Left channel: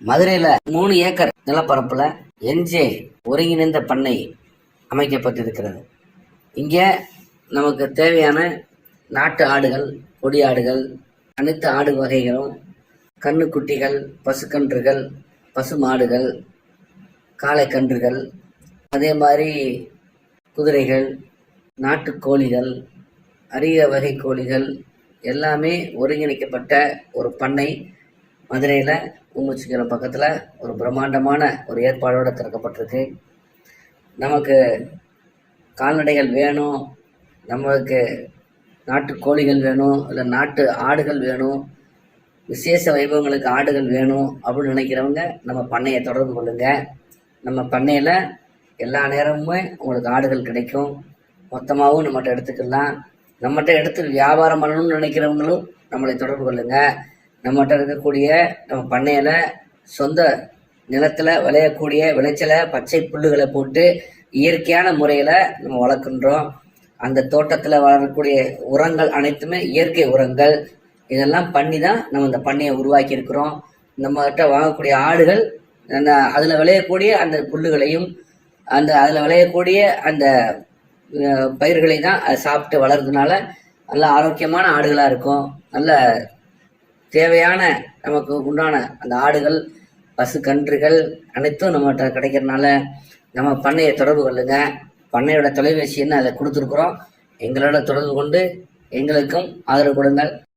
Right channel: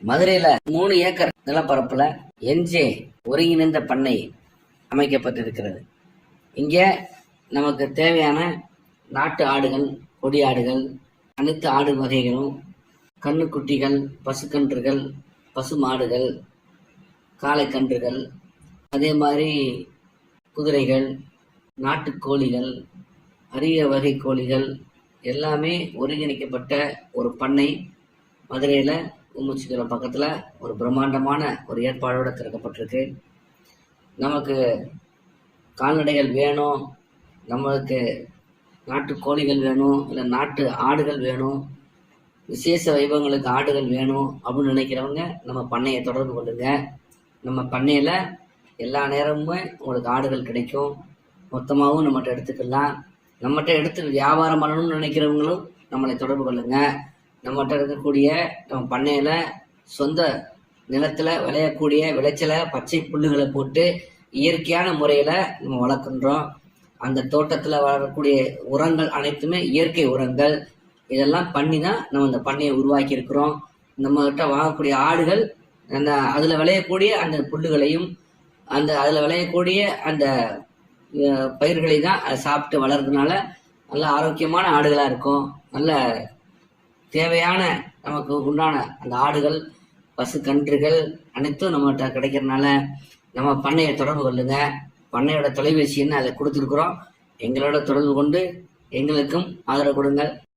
மதுரையில் 3 ஏக்கர் நிலப்பரப்பில் என்ஜே ஒருங்கிணைந்த பண்ணை அமைக்கப்பட்டிருக்கிறது. இங்கே நமக்கு தேவையான நாட்டு ஆடுகள், கொடி ஆடுகள், அனைத்து ஆடு வகைகளும், கண்ணுக்குட்டிகள், பசுக்கன்றுகள், பசு மாடுகள், காளைக்கன்றுகள், அதே மாதிரி குதிரைகள், நாட்டு கோழிகள், அரிய வகை கோழிகள் எல்லாமே ஒருங்கிணைக்கப்பட்ட ஒரு பண்ணை மதுரையில் ஊமச்சிக்கரம் பக்கத்தில் ஒரு பிரம்மாண்டமான ஒரு ஏற்பாடோடு திறக்கப்பட்டிருக்கு. நமக்கு கால்நடைகள் வேணும், நம்மளுக்கு நாட்டு கோழிகள் வேணும், இல்லை நாட்டு ஆடுகள் வேணும், விசேஷ வைபவங்களுக்கு ஆடுகள் வேணும் அப்படின்னு நினைக்கிறவங்க நம்ம பண்ணையை தொடர்பு கொள்ளுங்க. நம்ம பண்ணையில் எல்லா நேரமுமே உங்களுக்கு ஆடுகள் கிடைக்கும். மொத்தமாகவும் நம்மகிட்ட எடுத்துக்கலாம். நம்மகிட்ட எடுத்து வியாபாரம் பண்ணணும்னு நினைக்கிறவங்களும் நம்மளை தொடர்பு கொள்ளுங்க. நம்மகிட்ட இருக்கக்கூடிய நம்ம பண்ணையில் சொந்த நிலத்தில் விளையக்கூடிய விளைச்சலை, பச்சை புல்லுகளை போட்டு இயற்கையான முறையில் நம்ம வளர்க்குன்றோம். அந்த தோட்டத்தில் வளரக்கூடிய உரங்கள் அனைத்துமே இயற்கை உரங்கள். இதெல்லாம் பண்ணி தான் நம்ம இந்த பண்ணையை உருவாக்கி இருக்கிறோம். நம்மகிட்ட வாங்கக்கூடிய ஆடுகள் அந்த அதில் விளையக்கூடிய அந்த புல்லுகளையும் அதில் விளையக்கூடிய அந்த பயிர்களை தான் அதை சாப்பிட்டு வளர்றதுனால நல்ல ஆரோக்கியமான ஆடுகளாக இருக்கும். நல்ல தேவையான நமக்கு உண்டான அந்த ஆடுகள், பசு கன்றுகள் அனைத்தும் நம்மகிட்ட கிடைக்கிறதுனால நம்ம பண்ணையை தொடர்பு கொள்ளுங்க. பண்ணையோட தொலைபேசி என்ன அதை கொடுத்துருக்குறோம். எங்களோட தொடர்பு கொண்டு எங்களுக்கும் ஆதரவு கொடுங்கள்.